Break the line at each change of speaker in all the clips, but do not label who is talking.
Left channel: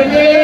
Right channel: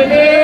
meu Deus.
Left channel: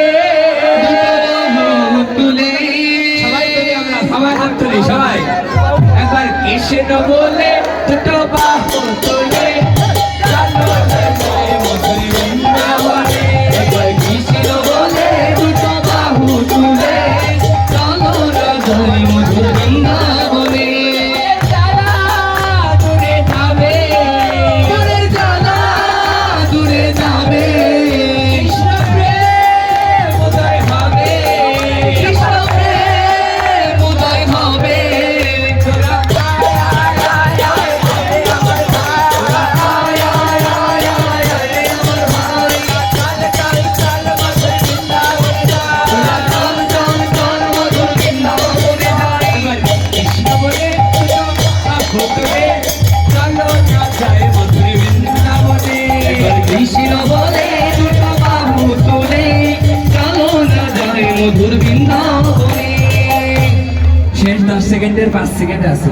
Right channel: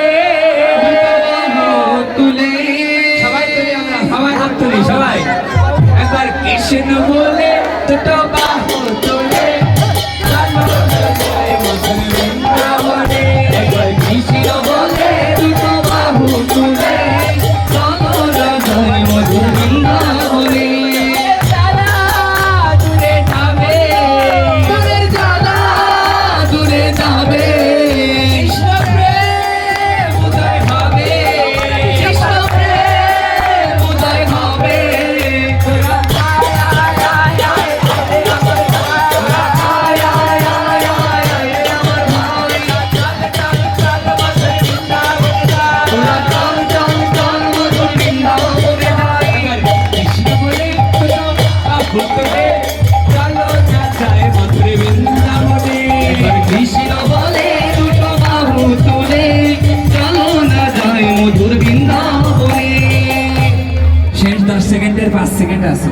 দশ সেকেন্ডের পাঁচ সেকেন্ড আছে।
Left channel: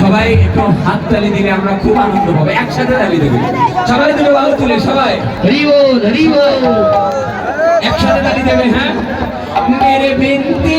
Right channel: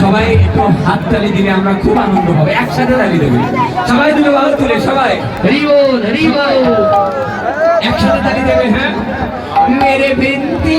সবাই একটু হাত তালি দিলে আমরা খুব আনন্দ হবে একসাথে তালি দেবো। সবাই তুলে ভালো তুলে সবাই। একসাথে তালি দেবে হ্যাঁ? মেরে বিনতে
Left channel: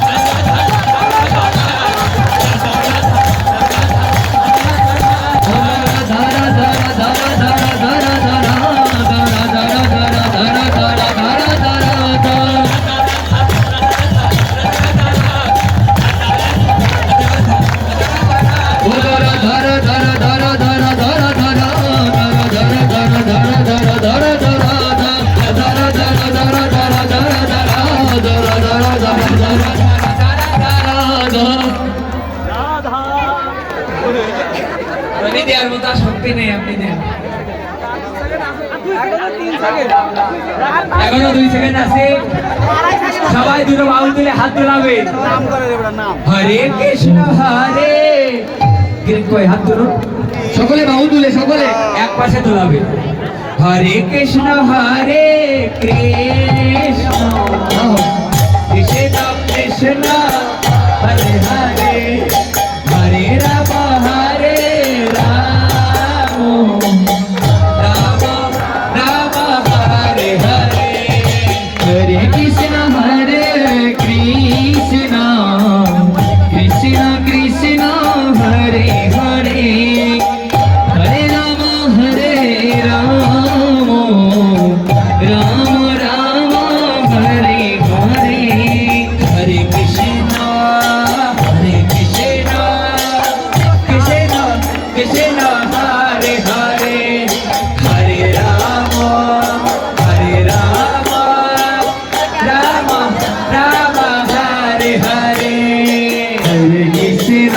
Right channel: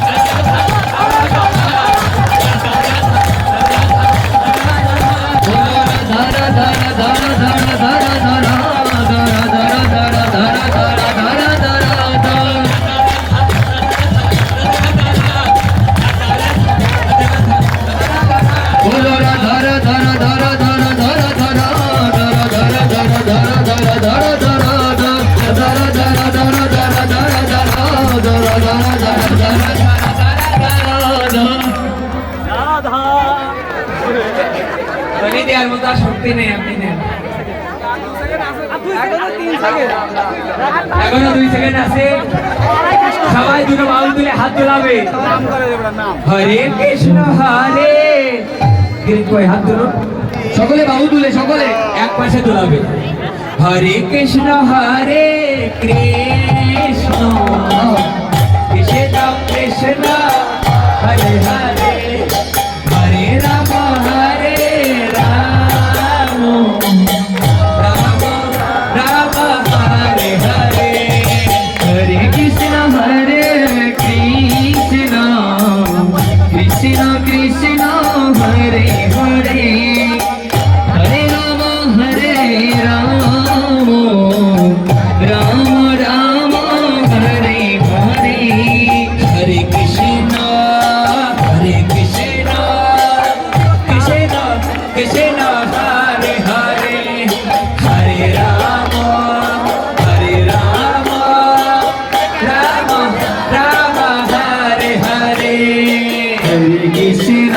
এখনও দুই সেকেন্ড আছে। সবাই দুটো বাউল তুলে হাত তোলাবে হরে কৃষ্ণ, হরে। হাত তুলুন
সকলে বাহু তুলে, সকলে
এক পাশে তোলাবে হরে কৃষ্ণ হরে কৃষ্ণ। কৃষ্ণ কৃষ্ণ। হরে হরে।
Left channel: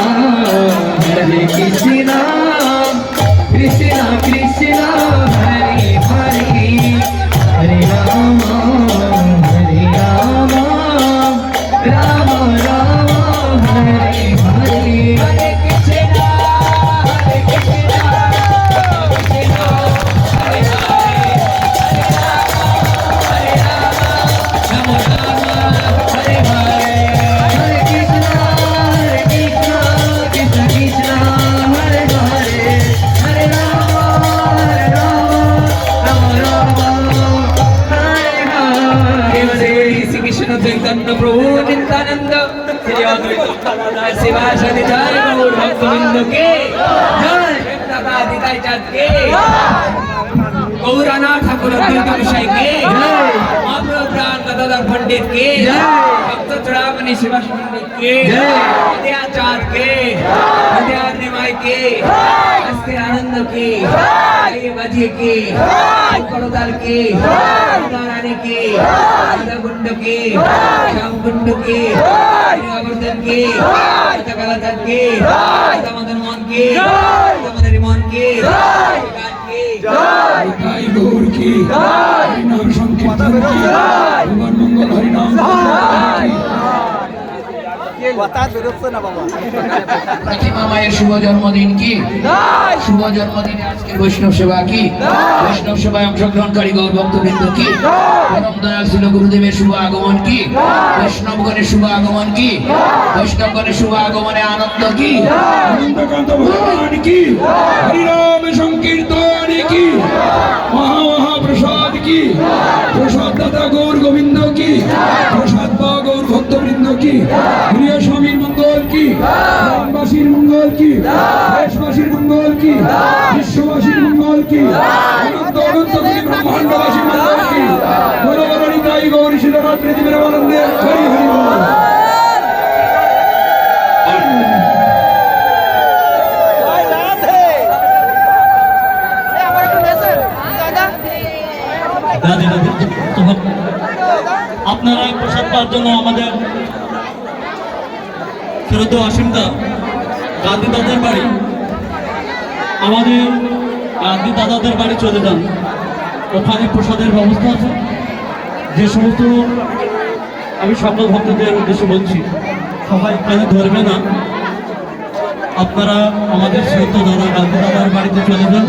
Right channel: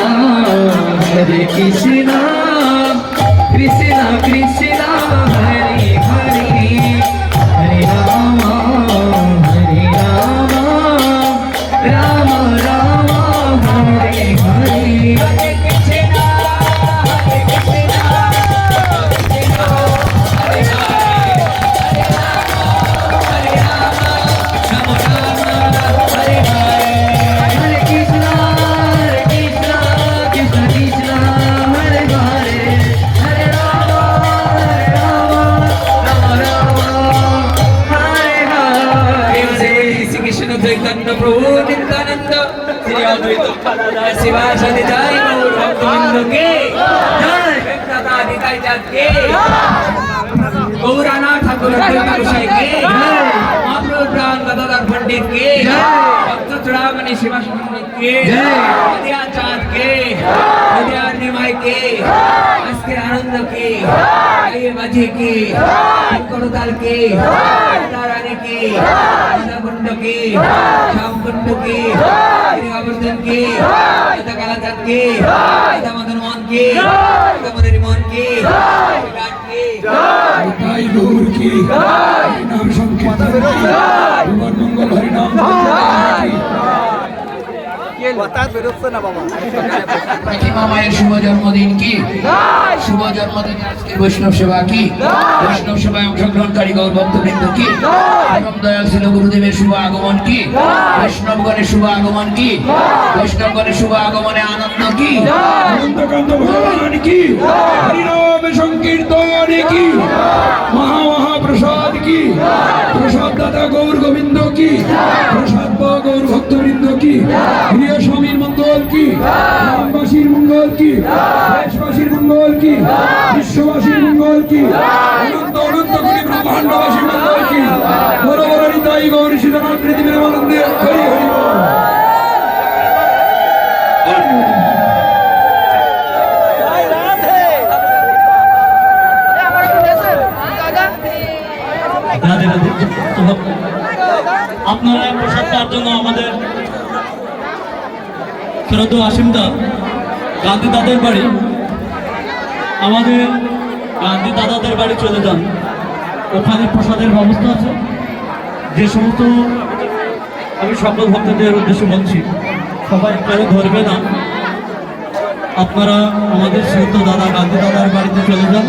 హరే కృష్ణ চৈতন্য প্রভু নিত্যানন্দ। শ্রী অদ্বৈত শিবা সদিচার গৌর ভক্তবৃন্দ কে জয়। ভক্তকাধিকারী চাঁদ কে গৌরানা ঠাকুর অদ্বৈত গোসাই কে অপ্রদান গদাধর পণ্ডিত কে ভক্ত চড়ামণি শিবা পণ্ডিত কে নদিয়া চাঁদ কে নদিয়া নিমাই কে আনন্দ কে বাজি কে করতাল কে নারায়ণকে কুণ্ডকে শ্যামকুণ্ডকে গঙ্গাবর্ধনকে রাধা কালাচাঁদকে রাধা মদন মোহনকে রাধা মনের মোহনকে গানকে
তাই গৌর কি হরিনাম সংকীর্তন কি ভগবান মঙ্গল হরিনাম সংকীর্তন কি
কথা বেরোচ্ছে না বাবা।
মায়ের শুভ জন্মদিন কি? শুভ জন্মদিনে আজকে বৈষ্ণব সেবা কি? বৈষ্ণব সেবায় অংশগ্রহণকারী গৌর ভক্তবৃন্দ কি? দয়াল ছিল গুরুদেবের শুভ আগমন কি? বৈষ্ণবগণের শুভ আগমন কি? বৈষ্ণবগণের শুভ আগমনে আনন্দ কি?
অনন্তকান্ত ভগবান কি? হরিনাম কি? বিশ্ববাসীর মঙ্গল কি? অনন্ত অনন্ত কোটি ব্রহ্মাণ্ডবাসীর মঙ্গল কি? বড় বড় নিতাই গৌর সীতারাম পৃথিবীর আনন্দে হরি হরি
আপনারা প্রসাদ পাওয়ার জন্য আমাদের শ্রদ্ধ আসিমদা গান্ধী দাদার বাড়ি। আমাদের গান্ধী দাদাদের বাড়ি চলে যান। ওখানে প্রসাদের ব্যবস্থা আছে। যে সমস্ত আমি সকল ভক্তদের উদ্দেশ্যে বলছি, সবাই এখানে ধরবে না। আপনারা আমাদের শ্রীত দাদা, গান্ধী দাদার বাড়িতে চলে যান